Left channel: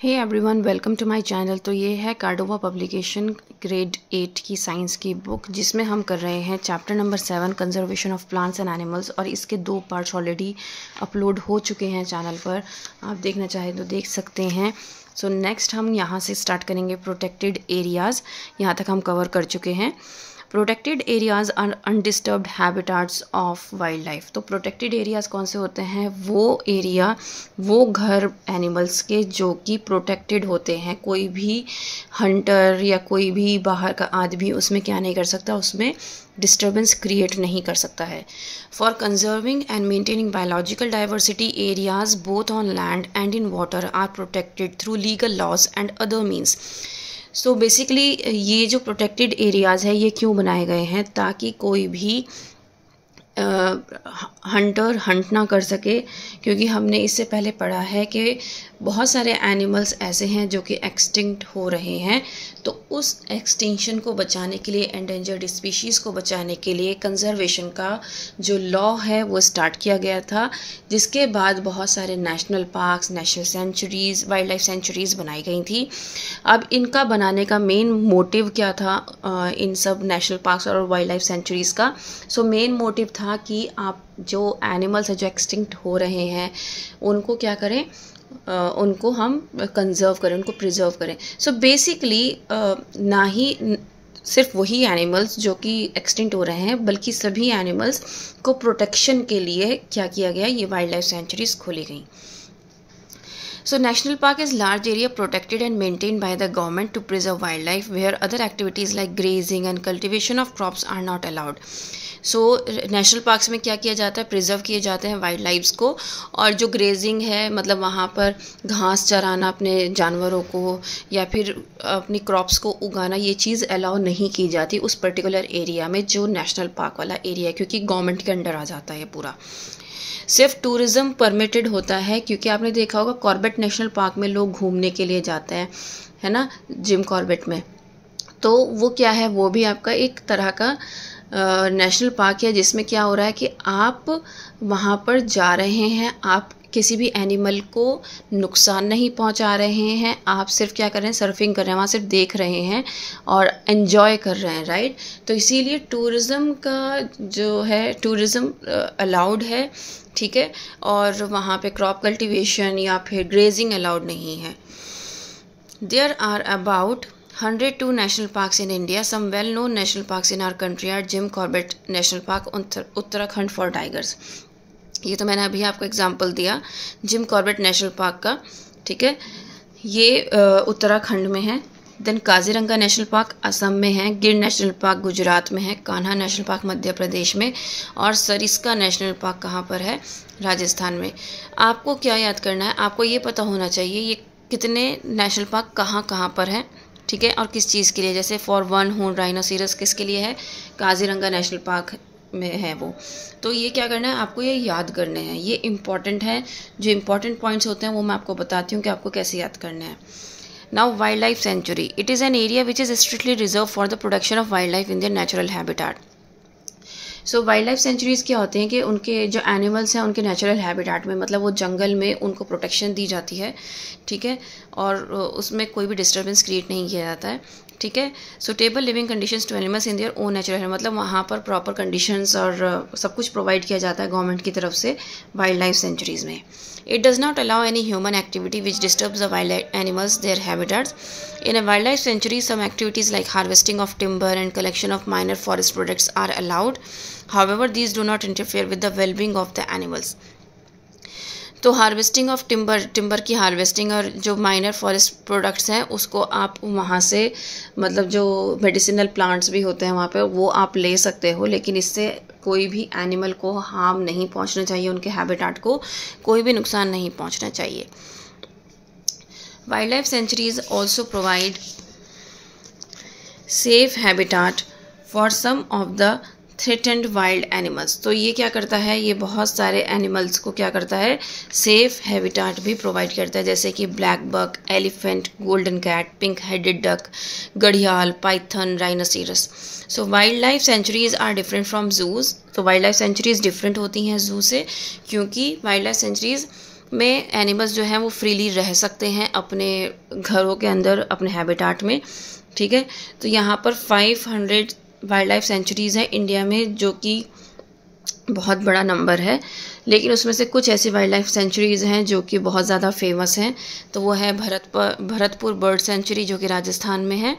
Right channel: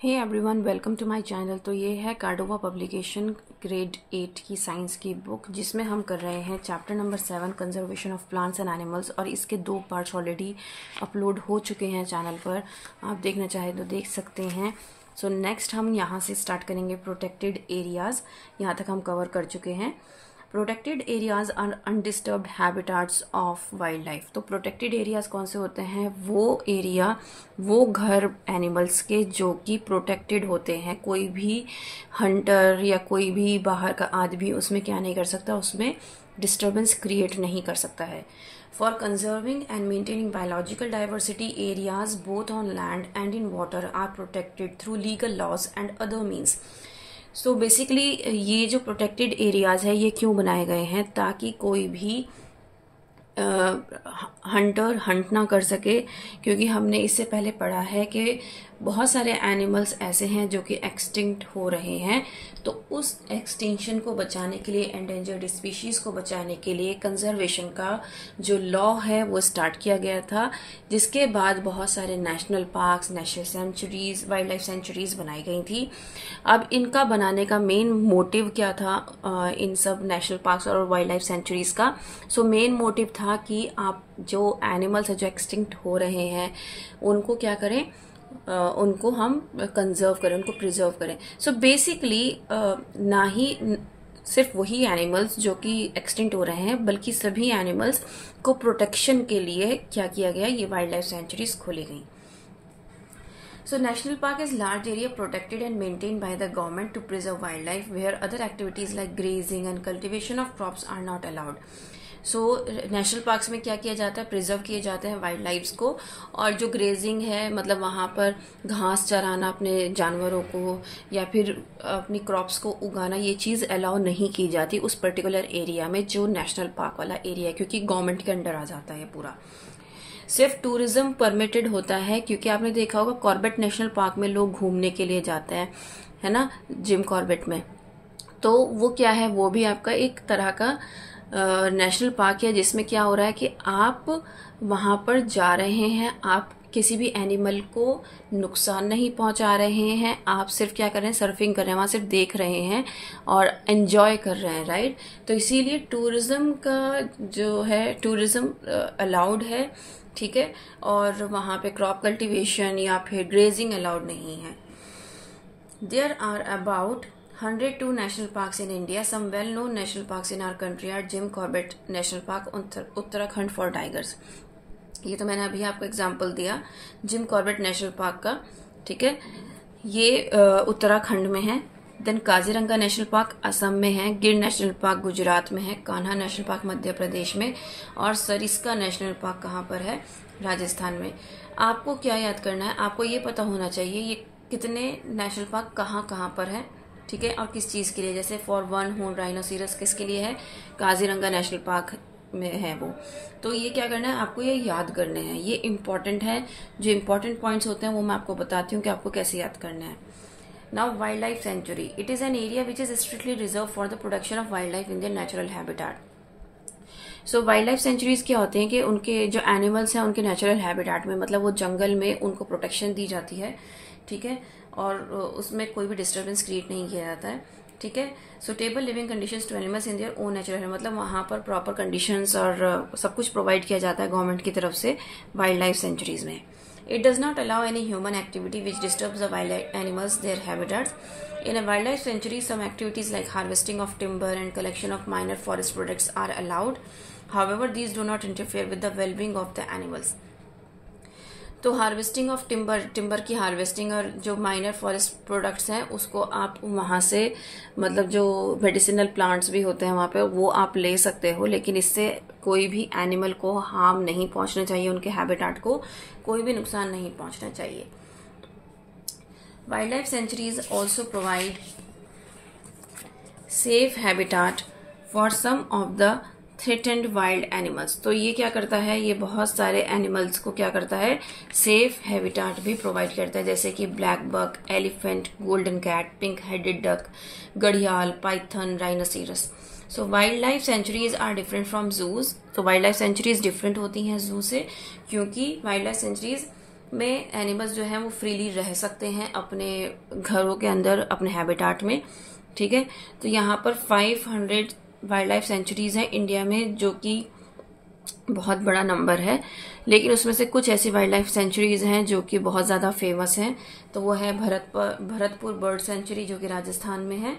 Hey everyone, welcome to my channel. तो ये है कार्डोवा पब्लिकेशन ग्रेड 8 की साइंस की बुक, जिसमें हम कर रहे हैं chapter number 7 conservation of plants and animals. और इसके 2 पार्ट्स ऑलरेडी अपलोड हो चुके हैं चैनल पर, आप देखना चाहें तो देख सकते हैं। सो नेक्स्ट हम यहाँ से स्टार्ट करेंगे प्रोटेक्टेड एरियाज़। यहाँ तक हम कवर कर चुके हैं। Protected areas are undisturbed habitats of wildlife. तो प्रोटेक्टेड एरियाज़ कौन से होते हैं? वो एरिया, वो घर एनिमल्स के जो कि प्रोटेक्टेड होते हैं। कोई भी हंटर या कोई भी बाहर का आदमी उसमें क्या नहीं कर सकता, उसमें डिस्टर्बेंस क्रिएट नहीं कर सकता है। For conserving and maintaining biological diversity, areas both on land and in water are protected through legal laws and other means. So basically ये जो प्रोटेक्टेड एरियाज़ है ये क्यों बनाए गए हैं? ताकि कोई भी हंटर हंट ना कर सके, क्योंकि हमने इससे पहले पढ़ा है कि बहुत सारे एनिमल्स ऐसे हैं जो कि एक्सटिंक्ट हो रहे हैं। तो उस एक्सटिंक्शन को बचाने के लिए, एंडेंजर्ड स्पीशीज़ को बचाने के लिए कंजर्वेशन का जो लॉ है वो स्टार्ट किया गया था, जिसके बाद बहुत सारे national parks, national centuries, wild life centuries बनाई गई थी। अब इनका बनाने का मेन मोटिव क्या था इन सब नेशनल पार्क्स और वाइल्ड लाइफ सेंचुरीज़ का? सो मेन मोटिव था कि आप जो एनिमल्स हैं जो एक्सटिंक्ट हो रहे हैं उनको क्या करें, उनको हम कंजर्व करें, उनको प्रिजर्व करें। सो बेसिकली ना ही सिर्फ वही एनिमल्स जो कि एक्सटिंक्ट हो रहे हैं, बल्कि सभी एनिमल्स को प्रोटेक्शन के लिए क्या किया गया, ये वाइल्ड लाइफ सेंचुरीज खोली गई। So national park is large area protected and maintained by the government to preserve wildlife, where other activities like grazing and cultivation of crops are not allowed. So national parks में क्या किया जाता है? Preserve किए जाते हैं wild lives को। और जो ग्रेजिंग है, मतलब वहाँ पर घास चराना अपने जानवरों को या फिर अपनी क्रॉप्स को उगाना, ये चीज़ अलाउ नहीं की जाती उस पर्टिकुलर एरिया में जो नेशनल पार्क वाला एरिया है, क्योंकि गवर्नमेंट के अंडर आ जाता है पूरा। सिर्फ टूरिज़्म परमिटेड होता है, क्योंकि आपने देखा होगा कॉर्बेट नेशनल पार्क में लोग घूमने के लिए जाते हैं, है ना, जिम कॉर्बेट में। तो वो क्या है, वो भी आपका एक तरह का नेशनल पार्क है, जिसमें क्या हो रहा है कि आप वहाँ पर जा रहे हैं, आप किसी भी एनिमल को नुकसान नहीं पहुंचा रहे हैं, आप सिर्फ क्या कर रहे हैं, सर्फिंग कर रहे हैं, वहाँ सिर्फ देख रहे हैं और एंजॉय कर रहे हैं, राइट। तो इसीलिए टूरिज़्म का जो है, टूरिज़्म अलाउड है, ठीक है। और वहाँ पे क्रॉप कल्टीवेशन या फिर ग्रेजिंग अलाउड नहीं है। There are about 102 national parks in India. Some well-known national parks in our country are Jim Corbett National Park, Uttarakhand for tigers. ये तो मैंने अभी आपको एग्जांपल दिया जिम कॉर्बेट नेशनल पार्क का, ठीक है। ये उत्तराखंड में है। Then Kaziranga national park Assam में है, गिर नेशनल पार्क गुजरात में है, कान्हा नेशनल पार्क मध्य प्रदेश में, और सरिस्का नेशनल पार्क कहाँ पर है? राजस्थान में। आपको क्या याद करना है? आपको ये पता होना चाहिए ये कितने नेशनल पार्क कहाँ कहाँ पर है, ठीक है, और किस चीज़ के लिए। जैसे फॉर वन हॉर्न राइनोसेरस किसके लिए है? काजीरंगा नेशनल पार्क में है वो। तो ये क्या करना है, आपको ये याद करने हैं, ये इंपॉर्टेंट है। जो इंपॉर्टेंट पॉइंट्स होते हैं वो मैं आपको बताती हूँ कि आपको कैसे याद करने हैं। Now wild life sanctuary, it is an area which is strictly reserve for the production of wild life in their natural habitat. So wild life centuries क्या होते हैं कि उनके जो एनिमल्स हैं उनके नेचुरल हैबिटेट में, मतलब वो जंगल में उनको प्रोटेक्शन दी जाती है, ठीक है, और उसमें कोई भी डिस्टर्बेंस क्रिएट नहीं किया जाता है, ठीक है। Suitable living conditions to animals in their own natural, मतलब वहाँ पर प्रॉपर कंडीशंस और सब कुछ प्रोवाइड किया जाता है गवर्नमेंट की तरफ से वाइल्ड लाइफ सेंचुरीज़ में। It does not allow any human activity which disturbs the wild animals, their habitats. In a wildlife sanctuary, some activities like harvesting of timber and collection of minor forest products are allowed. However, these do not interfere with the well-being of the animals. तो harvesting of timber की harvesting और जो minor forest products हैं उसको आप वहाँ से, मतलब जो मेडिसिनल प्लांट्स भी होते हैं वहाँ पे, वो आप ले सकते हो, लेकिन इससे कोई भी एनिमल को हार्म नहीं पहुँचना चाहिए, उनके हैबिटेट को कोई भी नुकसान नहीं पहुँचना चाहिए। Wildlife sanctuaries also provide safe habitat for some of the threatened wild animals. तो ये क्या करता है, ये बहुत सारे एनिमल्स को क्या करता है, सेफ हैबिटेट भी प्रोवाइड करता है, जैसे कि black buck, elephant, golden cat, pink headed duck, घड़ियाल, python, rhinoceros. So wildlife sanctuaries are different from zoos. तो वाइल्ड लाइफ सेंचुरीज डिफरेंट होती हैं जू से, क्योंकि वाइल्ड लाइफ सेंचुरीज में एनिमल्स जो हैं वो फ्रीली रह सकते हैं अपने घरों के अंदर, अपने हैबिटाट में, ठीक है। तो यहाँ पर 500 वाइल्ड लाइफ सेंचुरीज़ हैं इंडिया में, जो कि बहुत बड़ा नंबर है। लेकिन उसमें से कुछ ऐसी वाइल्ड लाइफ सेंचुरीज़ हैं जो कि बहुत ज़्यादा फेमस हैं। तो वो है भरतपुर बर्ड सेंचुरी जो कि राजस्थान में है,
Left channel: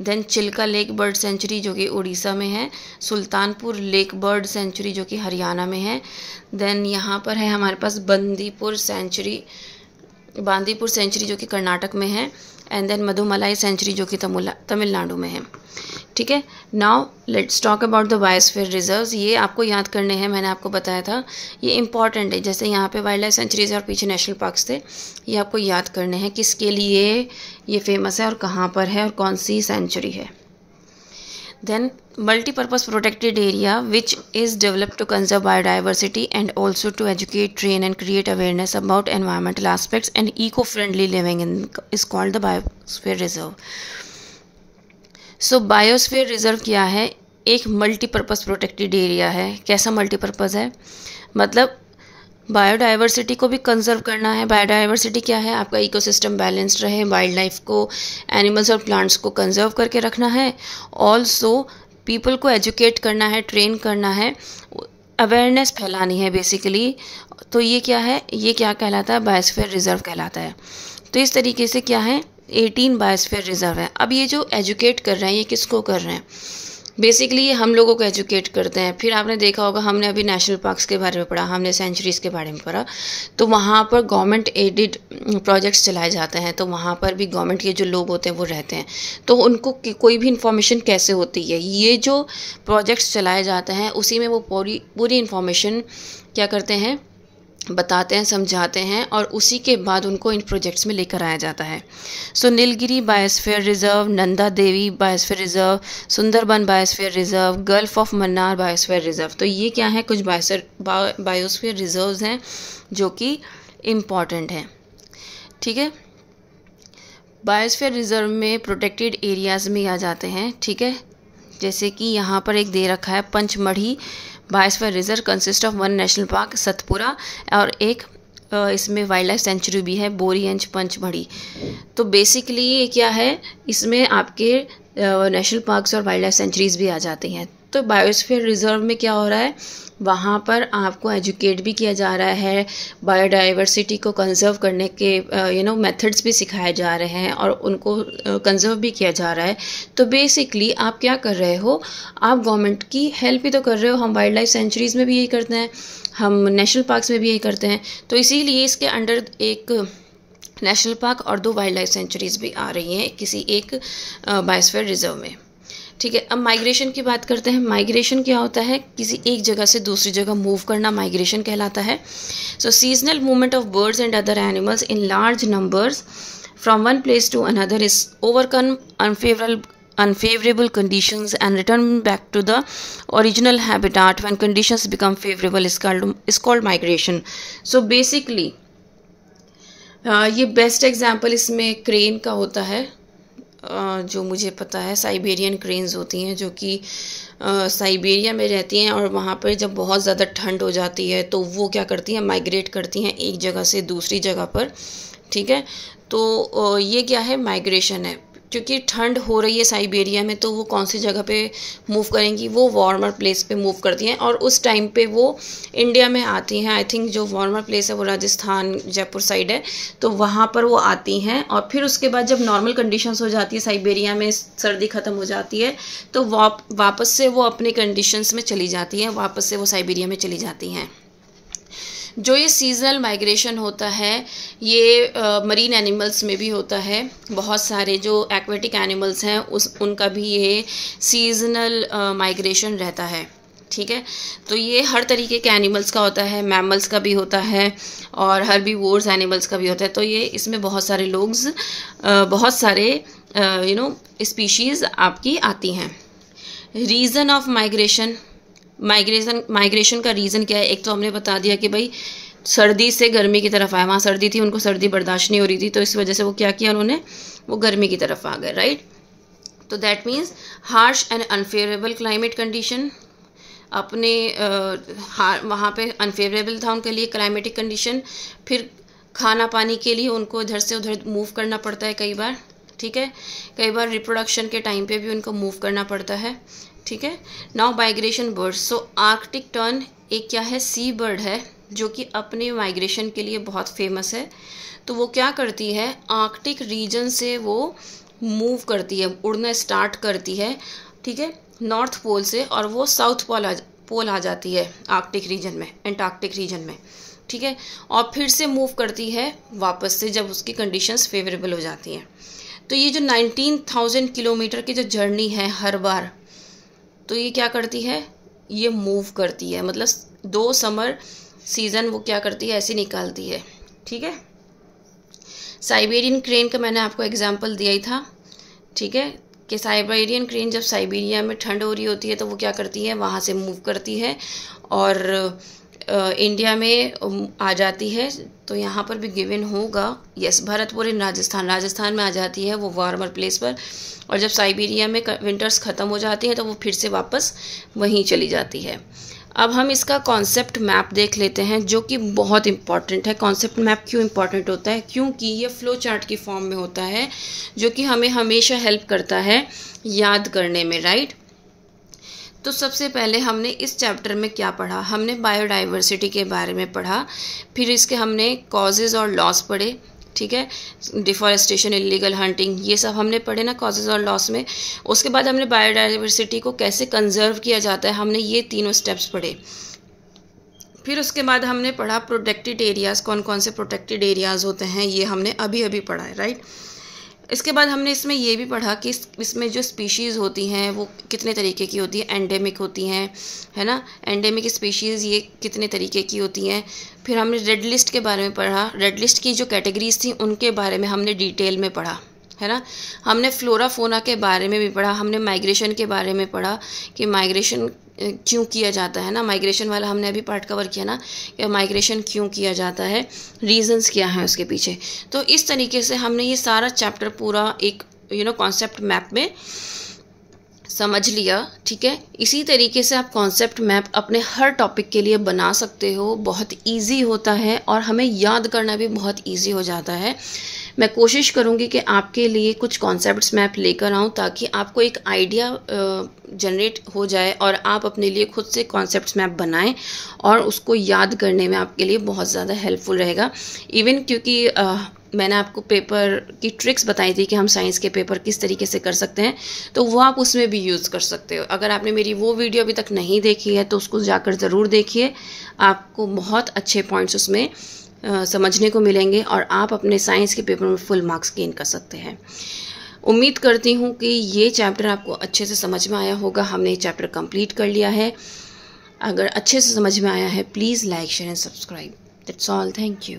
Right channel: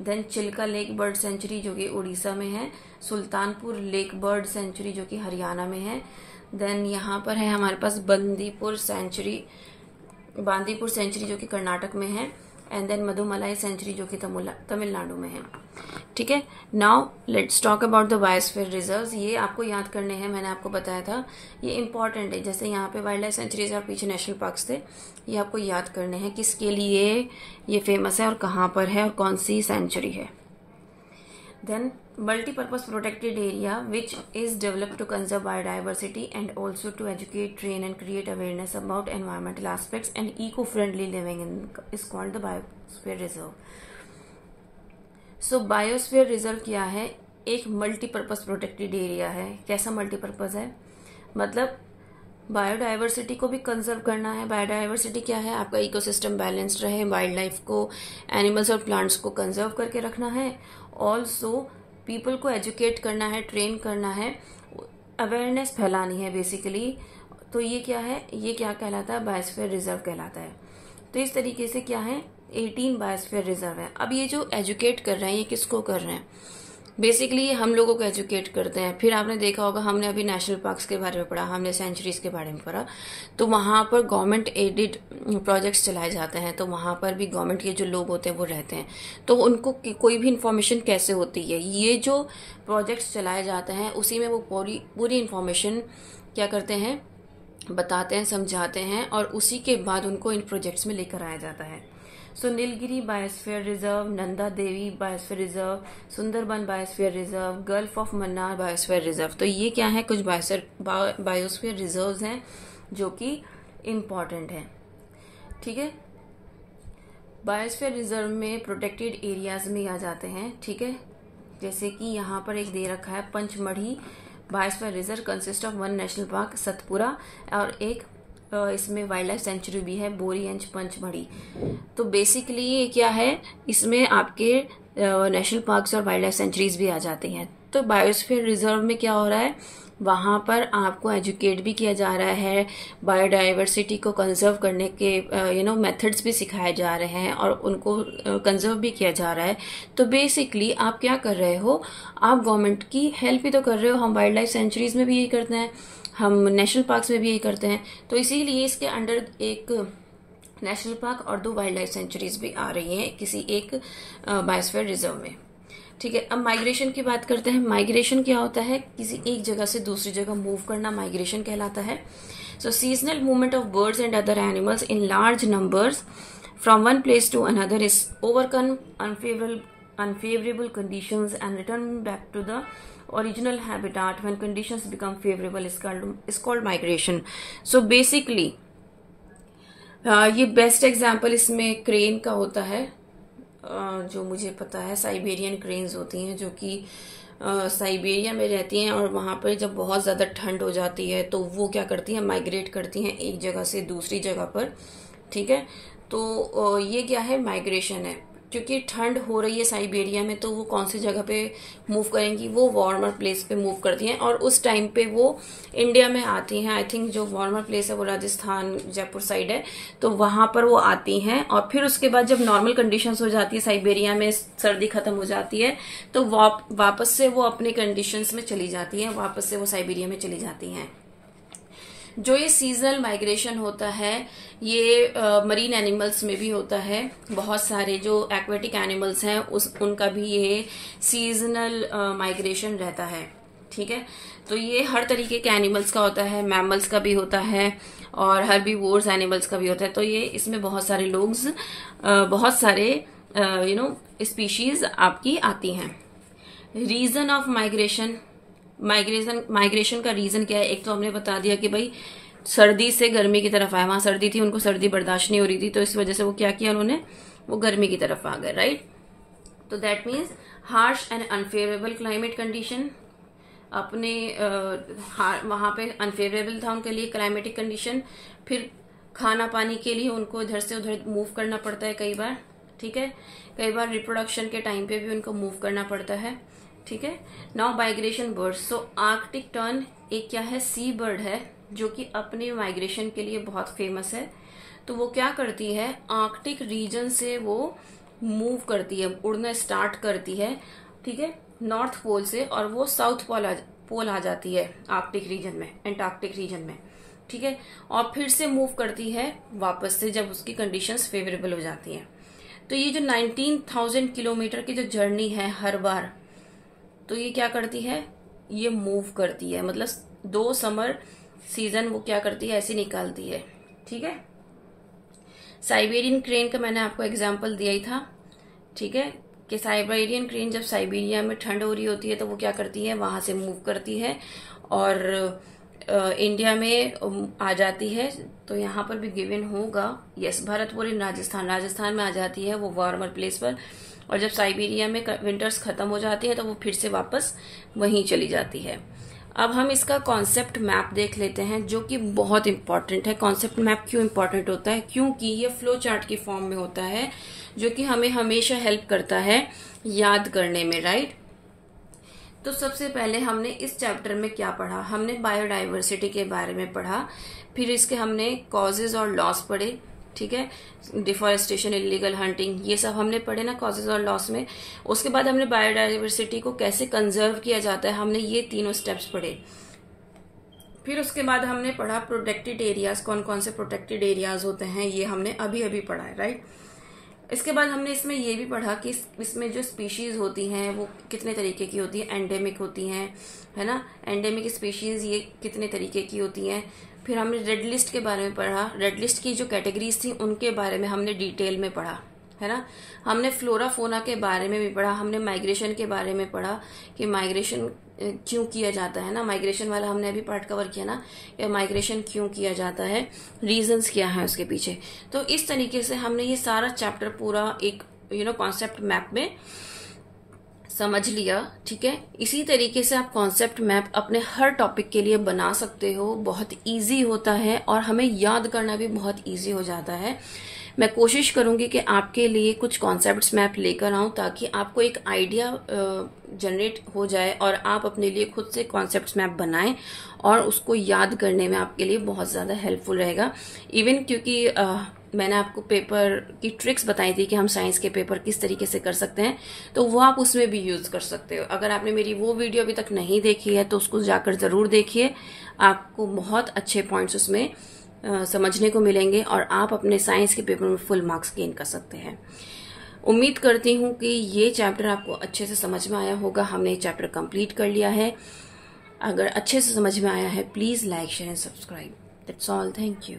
then Chilka lake bird sanctuary जो कि उड़ीसा में है, सुल्तानपुर लेक बर्ड सेंचुरी जो कि हरियाणा में है, देन यहाँ पर है हमारे पास बांदीपुर सेंचुरी जो कि कर्नाटक में है, एंड देन मधुमलाई सेंचुरी जो कि तमिलनाडु में है, ठीक है। Now let's talk about the biosphere reserves. ये आपको याद करने हैं, मैंने आपको बताया था ये इंपॉर्टेंट है। जैसे यहाँ पे वाइल्ड लाइफ सेंचुरीज और पीछे नेशनल पार्क्स थे, ये आपको याद करने हैं किसके लिए ये फेमस है और कहाँ पर है और कौन सी सेंचुरी है। Then multi-purpose protected area which is developed to conserve biodiversity and also to educate, train and create awareness about environmental aspects and eco-friendly living is called the biosphere reserve. So biosphere reserve क्या है? एक multipurpose protected area है। कैसा multipurpose है? मतलब biodiversity को भी conserve करना है। बायोडाइवर्सिटी क्या है? आपका इकोसिस्टम बैलेंस्ड रहे, वाइल्ड लाइफ को, एनिमल्स और प्लांट्स को कंजर्व करके रखना है। ऑल्सो पीपल को एजुकेट करना है, ट्रेन करना है, अवेयरनेस फैलानी है बेसिकली। तो ये क्या है? ये क्या कहलाता है? बायोस्फीयर रिजर्व कहलाता है। तो इस तरीके से क्या है, 18 बायोस्फीयर रिजर्व है। अब ये जो एजुकेट कर रहे हैं ये किसको कर रहे हैं? बेसिकली ये हम लोगों को एजुकेट करते हैं। फिर आपने देखा होगा, हमने अभी नेशनल पार्क्स के बारे में पढ़ा, हमने सेंचुरीज़ के बारे में पढ़ा, तो वहाँ पर गवर्नमेंट एडेड प्रोजेक्ट्स चलाए जाते हैं। तो वहाँ पर भी गवर्नमेंट के जो लोग होते हैं वो रहते हैं, तो उनको कोई भी इन्फॉर्मेशन कैसे होती है, ये जो प्रोजेक्ट्स चलाए जाते हैं उसी में वो पूरी इन्फॉर्मेशन क्या करते हैं, बताते हैं, समझाते हैं, और उसी के बाद उनको इन प्रोजेक्ट्स में लेकर आया जाता है। So Nilgiri biosphere reserve, Nanda Devi biosphere reserve, Sundarban biosphere reserve, gulf of Mannar biosphere reserve. तो ये क्या है? कुछ बायोस्फीयर रिजर्व्स हैं जो कि इम्पॉर्टेंट हैं, ठीक है। बायोस्फीयर रिजर्व में प्रोटेक्टेड एरियाज़ में आ जाते हैं, ठीक है। जैसे कि यहाँ पर एक दे रखा है Pachmarhi biosphere reserve consist of 1 national park Satpura, और एक इसमें वाइल्ड लाइफ सेंचुरी भी है, बोरीएंज पंचमढ़ी। तो बेसिकली ये क्या है, इसमें आपके नेशनल पार्क्स और वाइल्ड लाइफ सेंचुरीज भी आ जाती हैं। तो बायोस्फीयर रिजर्व में क्या हो रहा है, वहाँ पर आपको एजुकेट भी किया जा रहा है, बायोडाइवर्सिटी को कंजर्व करने के मेथड्स भी सिखाए जा रहे हैं और उनको कंजर्व भी किया जा रहा है। तो बेसिकली आप क्या कर रहे हो, आप गवर्नमेंट की हेल्प भी तो कर रहे हो। हम वाइल्ड लाइफ सेंचुरीज़ में भी यही करते हैं, हम नेशनल पार्क्स में भी यही करते हैं। तो इसीलिए इसके अंडर एक नेशनल पार्क और 2 वाइल्ड लाइफ सेंचुरीज़ भी आ रही हैं किसी एक बायोस्फीयर रिजर्व में, ठीक है। अब माइग्रेशन की बात करते हैं। माइग्रेशन क्या होता है? किसी एक जगह से दूसरी जगह मूव करना माइग्रेशन कहलाता है। So seasonal movement of birds and other animals in large numbers from one place to another is overcome unfavorable conditions and return back to the original habitat when conditions become favorable is called migration. So basically ये best example इसमें crane का होता है। जो मुझे पता है Siberian cranes होती हैं जो कि साइबेरिया में रहती हैं, और वहाँ पर जब बहुत ज़्यादा ठंड हो जाती है तो वो क्या करती हैं, माइग्रेट करती हैं एक जगह से दूसरी जगह पर, ठीक है। तो ये क्या है, माइग्रेशन है। क्योंकि ठंड हो रही है साइबेरिया में, तो वो कौन सी जगह पे मूव करेंगी, वो वार्मर प्लेस पे मूव करती हैं, और उस टाइम पे वो इंडिया में आती हैं। आई थिंक जो वार्मर प्लेस है वो राजस्थान जयपुर साइड है, तो वहाँ पर वो आती हैं। और फिर उसके बाद जब नॉर्मल कंडीशंस हो जाती है, साइबेरिया में सर्दी ख़त्म हो जाती है, तो वापस से वो अपने कंडीशंस में चली जाती हैं, वापस से वो साइबेरिया में चली जाती हैं। जो ये सीजनल माइग्रेशन होता है ये मरीन एनिमल्स में भी होता है। बहुत सारे जो एक्वेटिक एनिमल्स हैं उनका भी ये सीजनल माइग्रेशन रहता है, ठीक है। तो ये हर तरीके के एनिमल्स का होता है, मैमल्स का भी होता है और हर्बीवोर्स एनिमल्स का भी होता है। तो ये इसमें बहुत सारे बहुत सारे स्पीशीज़ आपकी आती हैं। रीज़न ऑफ माइग्रेशन का रीज़न क्या है? एक तो हमने बता दिया कि भाई सर्दी से गर्मी की तरफ आए, वहाँ सर्दी थी, उनको सर्दी बर्दाश्त नहीं हो रही थी, तो इस वजह से वो क्या किया उन्होंने, वो गर्मी की तरफ आ गए, राइट। तो that means harsh and unfavourable climate condition, अपने वहाँ पे अनफेवरेबल था उनके लिए क्लाइमेटिक कंडीशन। फिर खाना पानी के लिए उनको इधर से उधर मूव करना पड़ता है कई बार, ठीक है। कई बार रिप्रोडक्शन के टाइम पे भी उनको मूव करना पड़ता है, ठीक है। Now migration birds. So arctic tern एक क्या है, सी बर्ड है जो कि अपने माइग्रेशन के लिए बहुत फेमस है। तो वो क्या करती है, आर्कटिक रीजन से वो मूव करती है, उड़ना स्टार्ट करती है, ठीक है, नॉर्थ पोल से, और वो साउथ पोल आ जाती है आर्कटिक रीजन में, एंटार्क्टिक रीजन में, ठीक है। और फिर से मूव करती है वापस से जब उसकी कंडीशंस फेवरेबल हो जाती हैं। तो ये जो 19,000 किलोमीटर की जो जर्नी है हर बार, तो ये क्या करती है, ये मूव करती है, मतलब 2 समर सीजन वो क्या करती है, ऐसे निकालती है, ठीक है। साइबेरियन क्रेन का मैंने आपको एग्जांपल दिया ही था, ठीक है, कि साइबेरियन क्रेन जब साइबेरिया में ठंड हो रही होती है तो वो क्या करती है, वहाँ से मूव करती है और इंडिया में आ जाती है। तो यहाँ पर भी गिवन होगा, यस, भरतपुर इन राजस्थान में आ जाती है वो वार्मर प्लेस पर, और जब साइबेरिया में विंटर्स ख़त्म हो जाती है तो वो फिर से वापस वहीं चली जाती है। अब हम इसका कॉन्सेप्ट मैप देख लेते हैं जो कि बहुत इंपॉर्टेंट है। कॉन्सेप्ट मैप क्यों इंपॉर्टेंट होता है, क्योंकि ये फ्लो चार्ट की फॉर्म में होता है जो कि हमें हमेशा हेल्प करता है याद करने में, राइट। तो सबसे पहले हमने इस चैप्टर में क्या पढ़ा, हमने बायोडाइवर्सिटी के बारे में पढ़ा, फिर इसके हमने कॉजेज़ और लॉस पढ़े, ठीक है, डिफॉरेस्टेशन, इलीगल हंटिंग, ये सब हमने पढ़े ना कॉजेज़ और लॉस में। उसके बाद हमने बायोडाइवर्सिटी को कैसे कंजर्व किया जाता है, हमने ये तीनों स्टेप्स पढ़े। फिर उसके बाद हमने पढ़ा प्रोटेक्टेड एरियाज़, कौन कौन से प्रोटेक्टेड एरियाज़ होते हैं, ये हमने अभी अभी पढ़ा है, राइट। इसके बाद हमने इसमें ये भी पढ़ा कि इसमें जो स्पीशीज़ होती हैं वो कितने तरीके की होती है, एंडेमिक होती हैं, है ना, एंडेमिक स्पीशीज़ ये कितने तरीके की होती हैं। फिर हमने रेड लिस्ट के बारे में पढ़ा, रेड लिस्ट की जो कैटेगरीज थी उनके बारे में हमने डिटेल में पढ़ा, है ना। हमने फ्लोरा फोना के बारे में भी पढ़ा, हमने माइग्रेशन के बारे में पढ़ा कि माइग्रेशन क्यों किया जाता है ना, माइग्रेशन वाला हमने अभी पार्ट कवर किया ना कि माइग्रेशन क्यों किया जाता है, रीजंस क्या हैं उसके पीछे। तो इस तरीके से हमने ये सारा चैप्टर पूरा एक कॉन्सेप्ट मैप में समझ लिया, ठीक है। इसी तरीके से आप कॉन्सेप्ट मैप अपने हर टॉपिक के लिए बना सकते हो, बहुत इजी होता है और हमें याद करना भी बहुत इजी हो जाता है। मैं कोशिश करूंगी कि आपके लिए कुछ कॉन्सेप्ट्स मैप लेकर आऊं ताकि आपको एक आइडिया जनरेट हो जाए और आप अपने लिए खुद से कॉन्सेप्ट्स मैप बनाएं और उसको याद करने में आपके लिए बहुत ज़्यादा हेल्पफुल रहेगा। इवन क्योंकि मैंने आपको पेपर की ट्रिक्स बताई थी कि हम साइंस के पेपर किस तरीके से कर सकते हैं, तो वो आप उसमें भी यूज़ कर सकते हो। अगर आपने मेरी वो वीडियो अभी तक नहीं देखी है तो उसको जाकर ज़रूर देखिए, आपको बहुत अच्छे पॉइंट्स उसमें समझने को मिलेंगे और आप अपने साइंस के पेपर में फुल मार्क्स गेन कर सकते हैं। उम्मीद करती हूँ कि ये चैप्टर आपको अच्छे से समझ में आया होगा। हमने ये चैप्टर कंप्लीट कर लिया है। अगर अच्छे से समझ में आया है please like share and subscribe. That's all, thank you.